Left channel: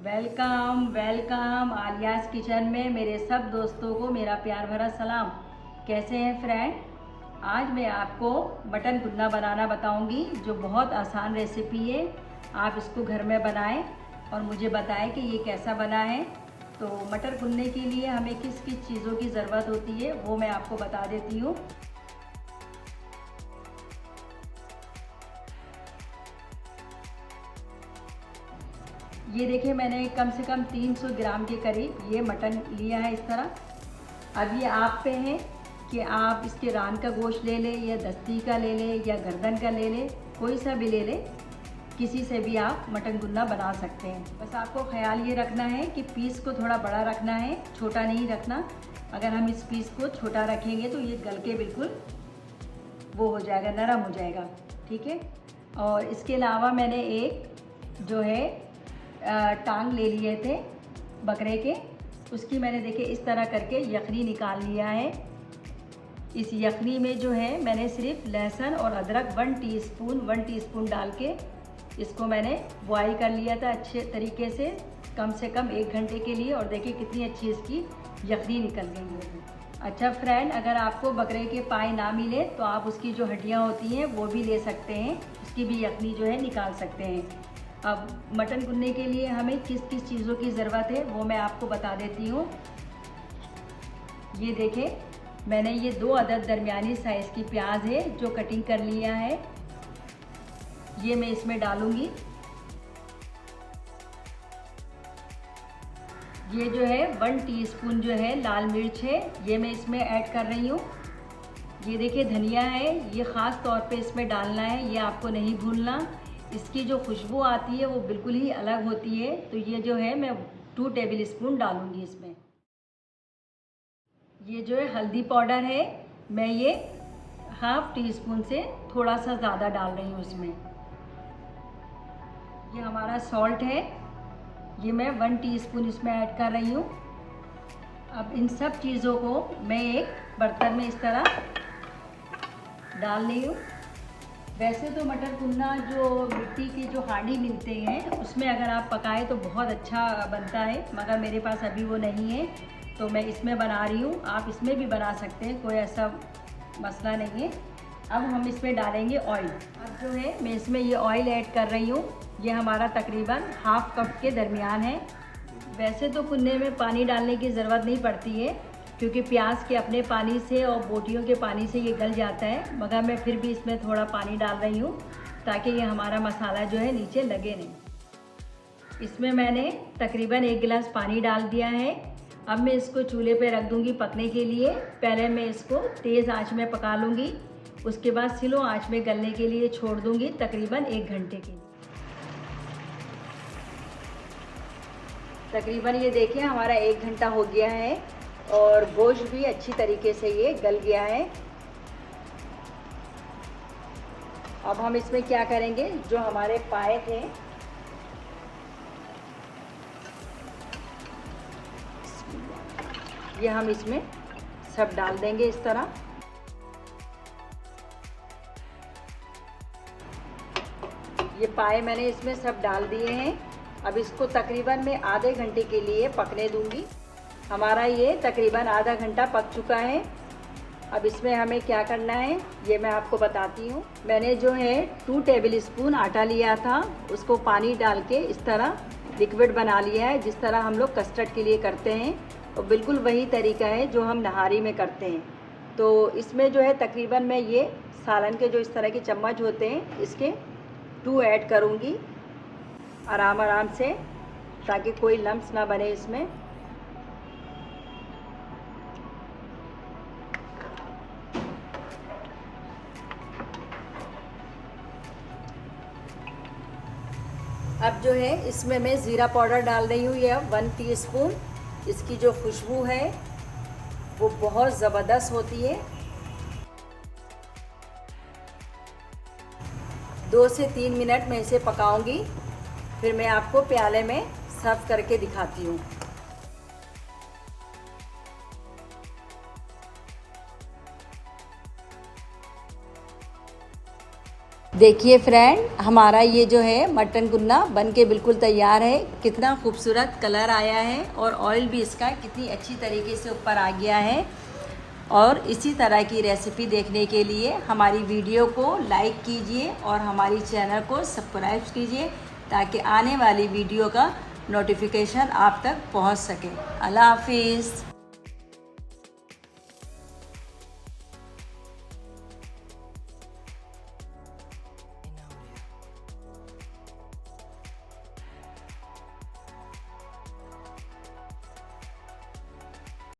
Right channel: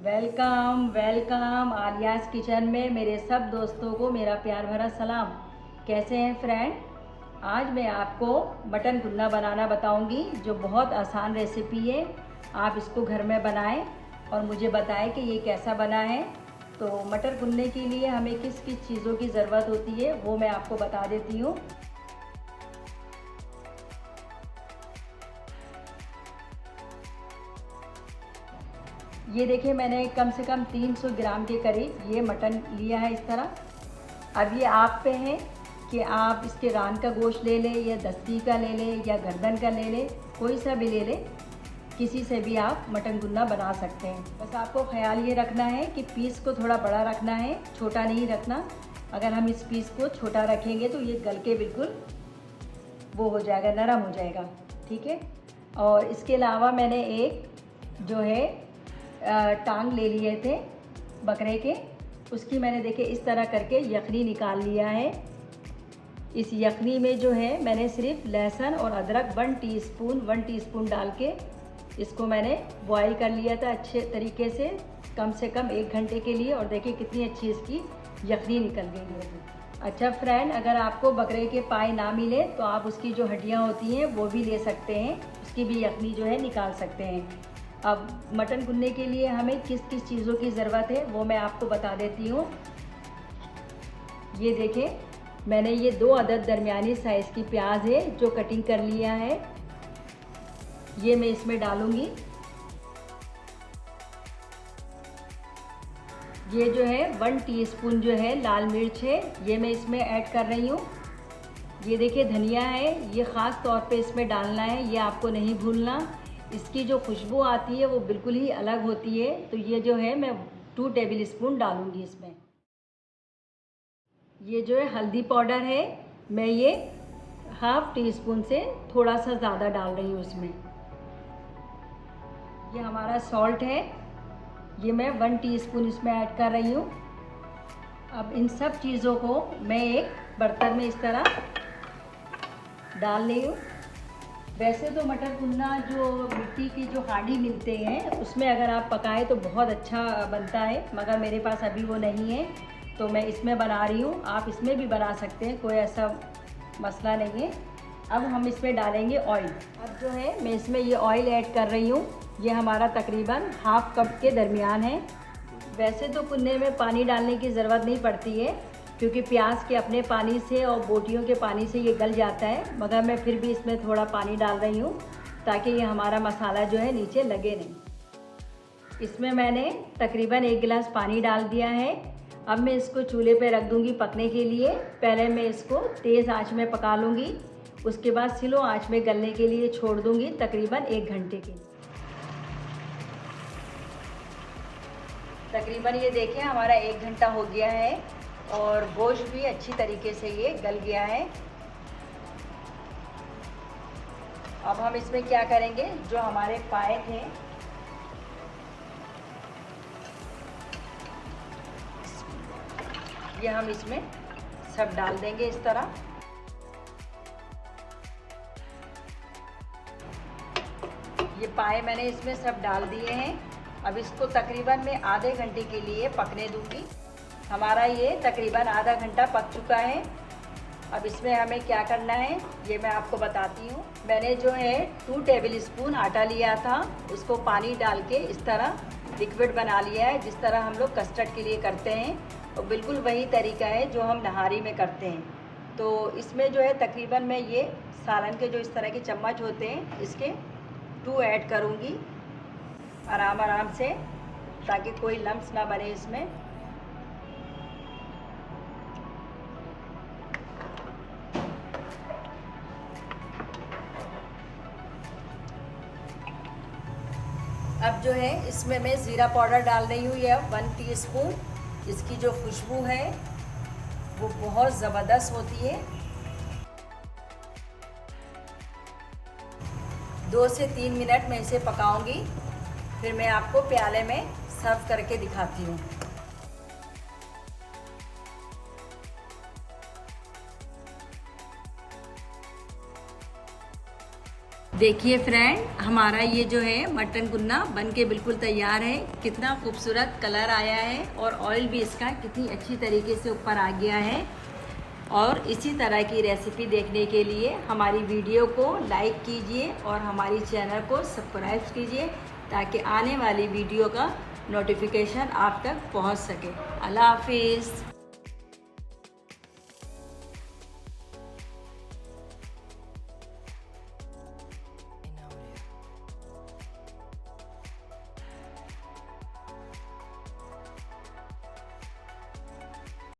Welcome welcome आलियाज़ kitchen में मेरे सब दोस्तों को मेरा प्यार भरा सलाम। कैसे हैं फ्रेंड? आज मैं आपको मटन गुन्ना बनाना बताऊंगी, जो बहुत आसान रेसिपी है। आप इसको घर में बनाएं और मुझे बताएं कि ये कैसा बना है। तो मटर गुन्ने के लिए हमें किस किस चीज़ों की ज़रूरत होती है वो मैं आपको बता देती हूँ। ये देखिए, मैंने कम से कम 300 ग्राम के करीब ये मटन लिया है इस तरह। अब ये आप पे है कि आप इसके रान का गोश्त ले लें या दस्ती का ले लें या गर्दन का ले लें, कोई सा भी ले लें, किसी से भी आप मटन गुन्ना बना सकते हैं। बस आपको ख्याल ये रखना है कि पीस को थोड़ा बड़ा रखना है, छोटा नहीं रखना। अगर हम इस पीस को छोटा रखेंगे तो ये गल के बिल्कुल वो हो जाएगा, नरम हो जाएगा। ठीक है। और इसके अलावा मैंने एक जो है टांग ले लिए थे बकरे के, उसकी मैंने देखे इस तरह करके यखनी निकाल लिया है। इस यखनी में जो है मैंने सिर्फ लहसुन और अदरक 1 टीस्पून डाल के इसको मैंने बॉईल कर लिया था अच्छे तरीके से कम 1 घंटे के लिए। और देखिए कितनी अच्छी इसकी यखनी निकल गई है। अच्छा फ्रेंड, अगर आपको बकरे के पाए ना मिले तो आप उसकी जो हड्डियाँ होती हैं वो भी ले सकते हैं, उसकी भी यखनी जो है निकाल सकते हैं। अब मटन गुन्ने के लिए हमें किस किस चीज़ों की ज़रूरत है वो मैं आपको बता देती हूँ। ये देखें, मैंने ये 2 अदद दरमियानी साइज़ की प्याज है जो कटिंग कर लिया है, ये मैं इसमें डालूँगी। ये जो है 1 टीस्पून जो है लाल मिर्च है, ये मैं इसमें ऐड कर रही हूँ। ये देखिए धनिया है, ये ख़ास तौर पे इसमें डालना है, ये आपको नहीं भूलना। इसकी जो खुशबू आती है वो बिल्कुल ही अलग होती है। तो ये जो है मैं 2 टेबल स्पून डालूँगी इसमें। ये जो है हल्दी पाउडर है, मैं ये ½ टीस्पून से थोड़ा सा ज़्यादा डाल रही हूँ इसमें। ये हमारा सॉल्ट है, ये मैं 1 टीस्पून इसमें ऐड कर रही हूँ। अब इन सब चीज़ों को मैं एक बर्तन में इस तरह डाल रही हूँ। वैसे तो मटर गुन्ना जो मिट्टी की जो हांडी मिलते हैं उसमें अगर आप पकाएं तो बहुत अच्छा बनता है, मगर मेरे पास अभी वो नहीं है तो मैं इसमें बना रही हूँ। आप इसमें भी बना सकते हैं, कोई ऐसा मसला नहीं है। अब हम इसमें डालेंगे ऑयल। अब जो है मैं इसमें ये ऑयल ऐड कर रही हूँ, ये हमारा तकरीबन ½ कप के दरमियान है। वैसे तो गुन्ने में पानी डालने की ज़रूरत नहीं पड़ती है, क्योंकि प्याज के अपने पानी से और बोटियों के पानी से ये गल जाता है, मगर मैं फिर भी इसमें थोड़ा पानी डाल रही हूँ ताकि ये हमारा मसाला जो है नीचे लगे नहीं। इसमें मैंने तकरीबन 1 गिलास पानी डाल दिया है। अब मैं इसको चूल्हे पे रख दूँगी पकने के लिए। पहले मैं इसको तेज़ आंच में पका लूँगी, उसके बाद स्लो आंच में गलने के लिए छोड़ दूँगी तकरीबन 1 घंटे के। तकरीबन ये देखिए हमारा 1 घंटा हो गया है और गोश्त भी अच्छी तरीके से ये गल गया है। अब हम इसमें क्या करेंगे, जो हमारे पाए थे ये हम इसमें सब डाल देंगे इस तरह। ये पाए मैंने इसमें सब डाल दिए हैं। अब इसको तकरीबन मैं आधे घंटे के लिए पकने दूंगी। हमारा ये तकरीबन आधा घंटा पक चुका है। अब इसमें हमें क्या करना है ये मैं आपको बताती हूँ। मैंने जो है 2 टेबल स्पून आटा लिया था, उसको पानी डाल के इस तरह लिक्विड बना लिया है, जिस तरह हम लोग कस्टर्ड के लिए करते हैं, और बिल्कुल वही तरीका है जो हम नहारी में करते हैं। तो इसमें जो है तकरीबन मैं ये सालन के जो इस तरह के चम्मच होते हैं इसके 2 ऐड करूँगी आराम से, ताकि कोई लम्स ना बने इसमें। अब जो है इसमें मैं ज़ीरा पाउडर डाल रही हूँ, यह 1 टीस्पून। इसकी जो खुशबू है वो बहुत ज़बरदस्त होती है। 2 से 3 मिनट मैं इसे पकाऊंगी, फिर मैं आपको प्याले में सर्व करके दिखाती हूँ। देखिए फ्रेंड, हमारा ये जो है मटन कुन्ना बन के बिल्कुल तैयार है। कितना खूबसूरत कलर आया है और ऑयल भी इसका कितनी अच्छी तरीके से ऊपर आ गया है। और इसी तरह की रेसिपी देखने के लिए हमारी वीडियो को लाइक कीजिए और हमारी चैनल को सब्सक्राइब कीजिए, ताकि आने वाली वीडियो का नोटिफिकेशन आप तक पहुंच सके। अल्लाह हाफिज़।